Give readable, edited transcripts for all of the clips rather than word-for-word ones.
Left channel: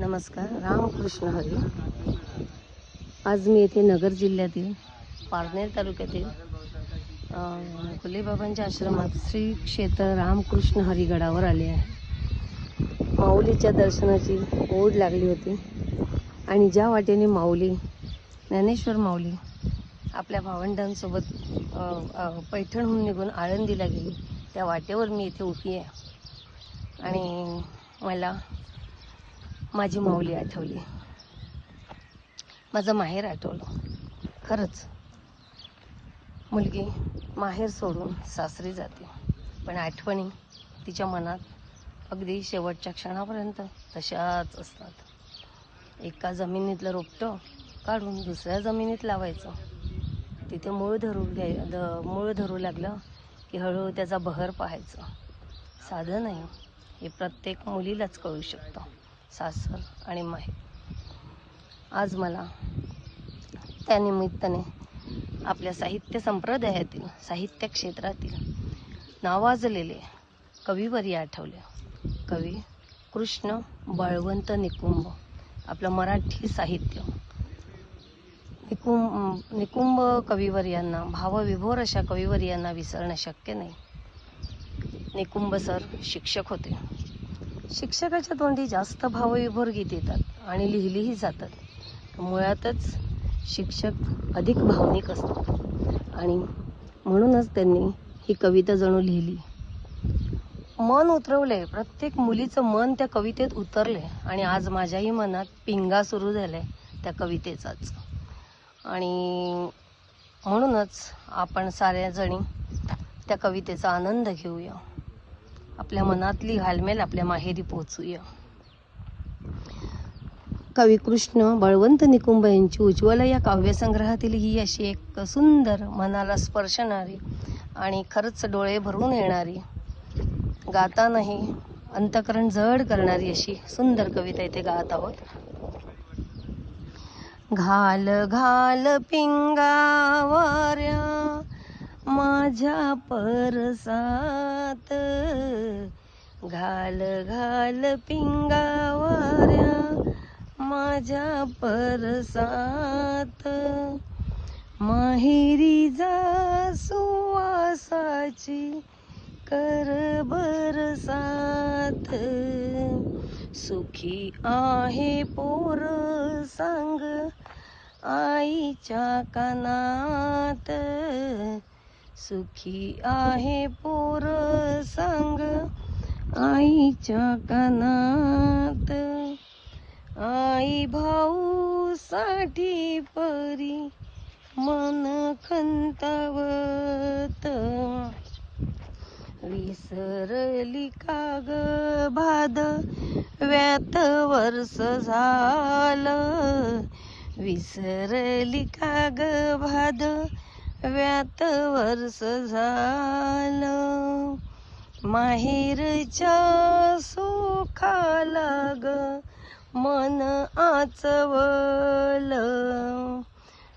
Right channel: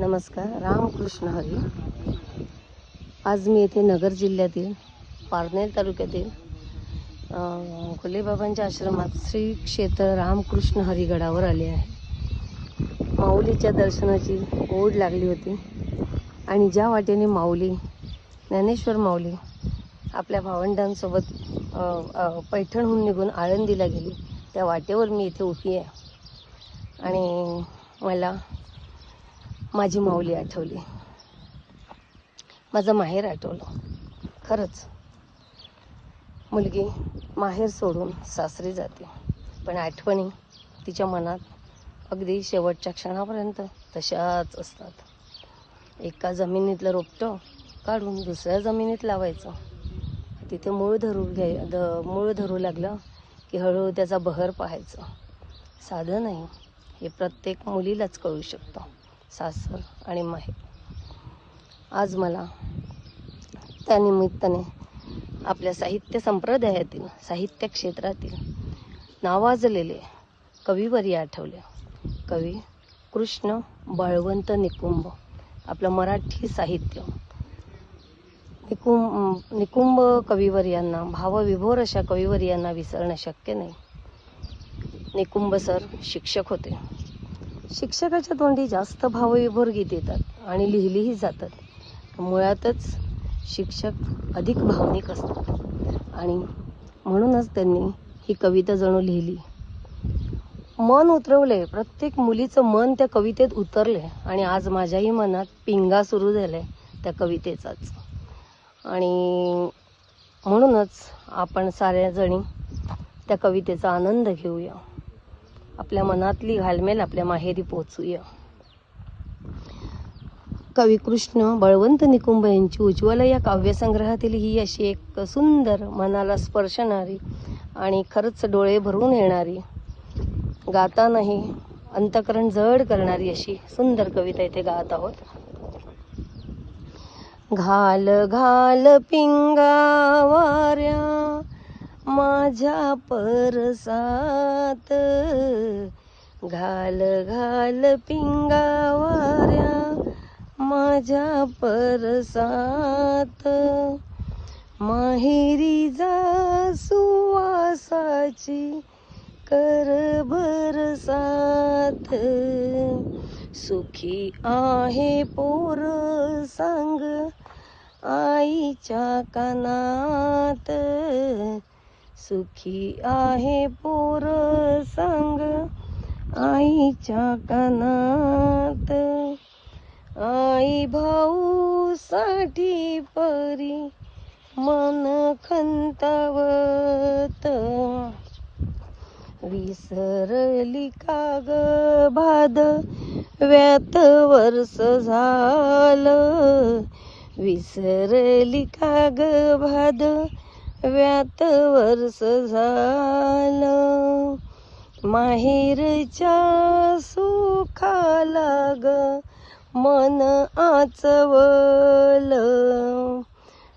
नमस्कार. रामकृष्ण हरी. आज मी येथे नगर जिल्ह्यातील पारनेर तालुक्यातील फुलेबाबांच्या आश्रमात श्री क्षेत्र रामकृष्ण हरी गडावर आले आहे. माऊलीच्या दर्शनाची ओढ लागली होती आणि ज्या वाटेने माऊली ज्ञानेश्वर माऊली आपल्या भावंडांसोबत पैठणहून निघून आळंदीला गेली, त्या वाटेवर मी इथे उभी आहे आणि मला माझी माऊली आठवली, माझं माहेर आठवलं. खरंच मुलगी माहेर सोडून सासरी जाते, पण आठवणी तिच्या मनात अगदी शेवटच्या क्षणापर्यंत तशाच असतात. एका जमिनीतलं रोपटं काढून दुसऱ्या जमिनीत लावायचं, तिथे मूळ धरू लागलं की हळूहळू त्याचा बहर पाहायचं. साधं नाही, हे प्रत्येक मुलीलाच कळू शकतं, सासर आणि माहेर. आज मला त्या निमित्ताने आपल्या साहित्य संप्रदायातील, साहित्य क्षेत्रातील नावाजलेले कविवर्य आठवले. कवी कृष्ण बळवंत निकुंब. आपलं मराठी साहित्य निकुंब कविवर्यांना, भावविभोर अशा कविवर्यांना विसरणं शक्य नाही. निकुंब सर शिक्षक होते. शिक्षकाच्या तोंडी जास्त भावविभोर गीत येतात आणि लिहिलीही जातात. मुळातच शिक्षक अधिक भावनिक असतात आणि म्हणूनच त्यांनी ही कविता जणू लिहिली. मन उतरवले, प्रत्येक मुलीचं मन त्या कवितेत उतरले आणि आज माझ्याही मनात पिंगा सुरू झालाय त्या कवितेचाच. आणि म्हणूनच आपण साऱ्या जणी त्या कवितेचा आनंद घेऊया, आपल्या मनातली घालमेल आपल्या माहेरी पोचूया. कवी कृष्ण बळवंत निकुंब यांची उज्ज्वल या काव्यसंग्रहातील ही अशी एक सुंदर, मनाला स्पर्शणारी आणि खरंच डोळे भरून येणारी, गातानाही अंतःकरण जड करणारी अशी सुंदर कविता इथे गात आहोत. घाल घाल पिंगा वाऱ्या माझ्या परसात, घाल घाल पिंगा वाऱ्या माझ्या परसात, माहेरी जा सुवासाची कर बरसात, सुखी आहे पोर सांग आईच्या कानात, सुखी आहे पोर सांग आईच्या कानात, आई भाऊ साठी परी मन खंतावत, विसरली का ग भाद व्यात वर्ष झालं, विसरली का ग भाद व्यात वर्ष झालं, माहेरच्या सुखाला ग मन आचवलं,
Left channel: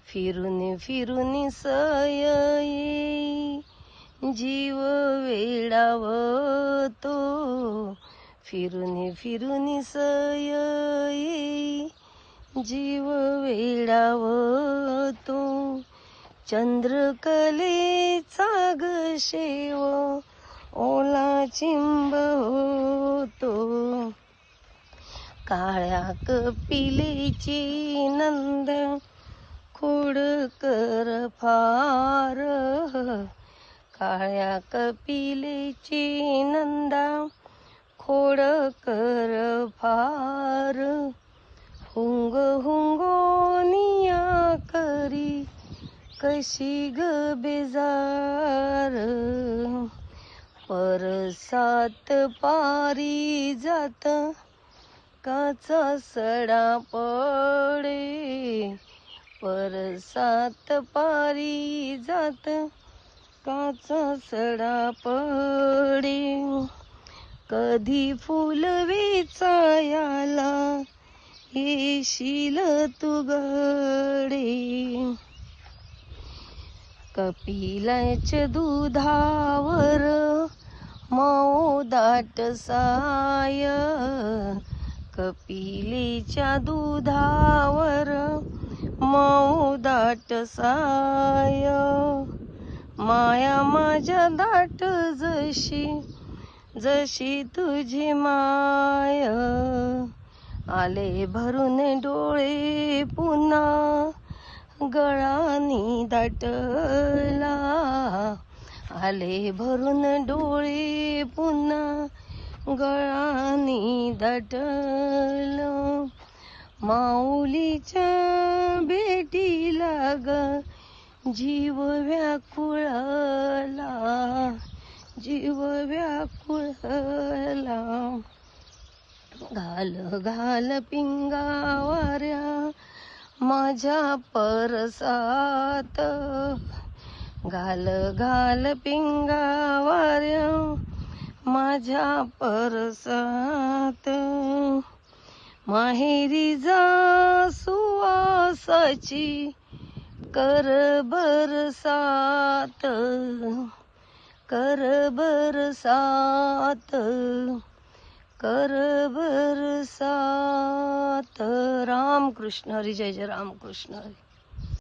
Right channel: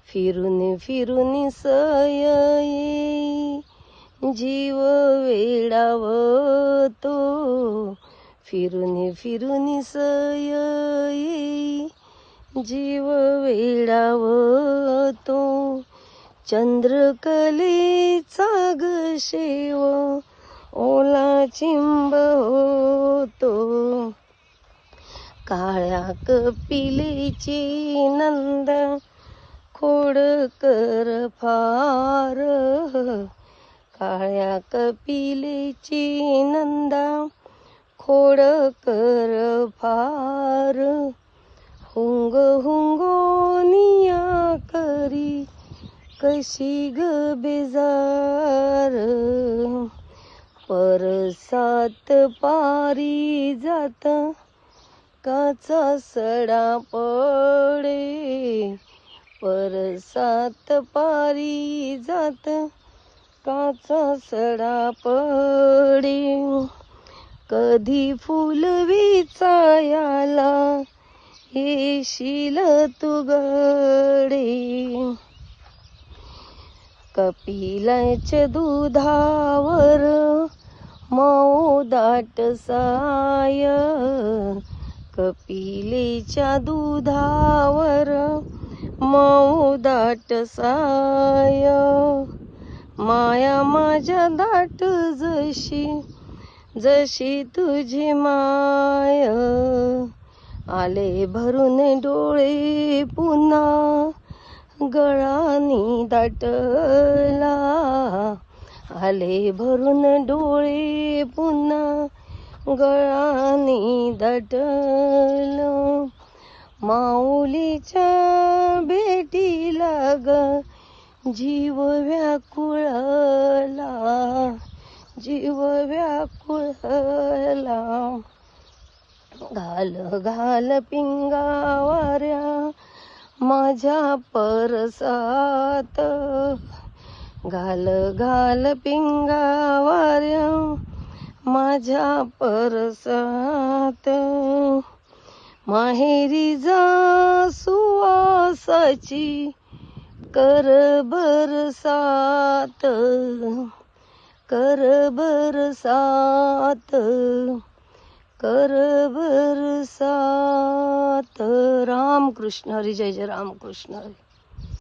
फिरून फिरून सय येई जीव वेडावतो, फिरून फिरून सय येई जीव वेडावतो, चंद्रकलेचा ग शेव ओला चिंब होतो, काळ्या कपिलेची नंदा खोडकर फार, काळ्या कपिलेची नंदा खोडकर फार, हुंग हुंगोनिया करी कशी ग बेजार, परसात पारी जात काचा सडा पडे, परसात पारी जात काचा सडा पडे, कधी फुल विचायाला येशील तू गडे, कपिलाच्या दुधावर मऊ दाट साय, कपिलेच्या दुधावर मऊ दाट साय, माया माझ्या दाट जशी जशी तुझी माय. आले भरून डोळे पुन्हा गळानी दाटला, आले भरून डोळे पुन्हा गळानी दाटलं. माऊलीच्या भेटीला ग जीव व्याकुळला, जीव व्याकुळला. घाल घाल पिंगावाऱ्या माझ्या परसात, घाल घाल पिंगावाऱ्या माझ्या परसात. माहेरी जा सुवासाची कर बरसात, कर बरसात, कर बरसात. राम कृष्ण हरी, जय जय राम कृष्ण हरी.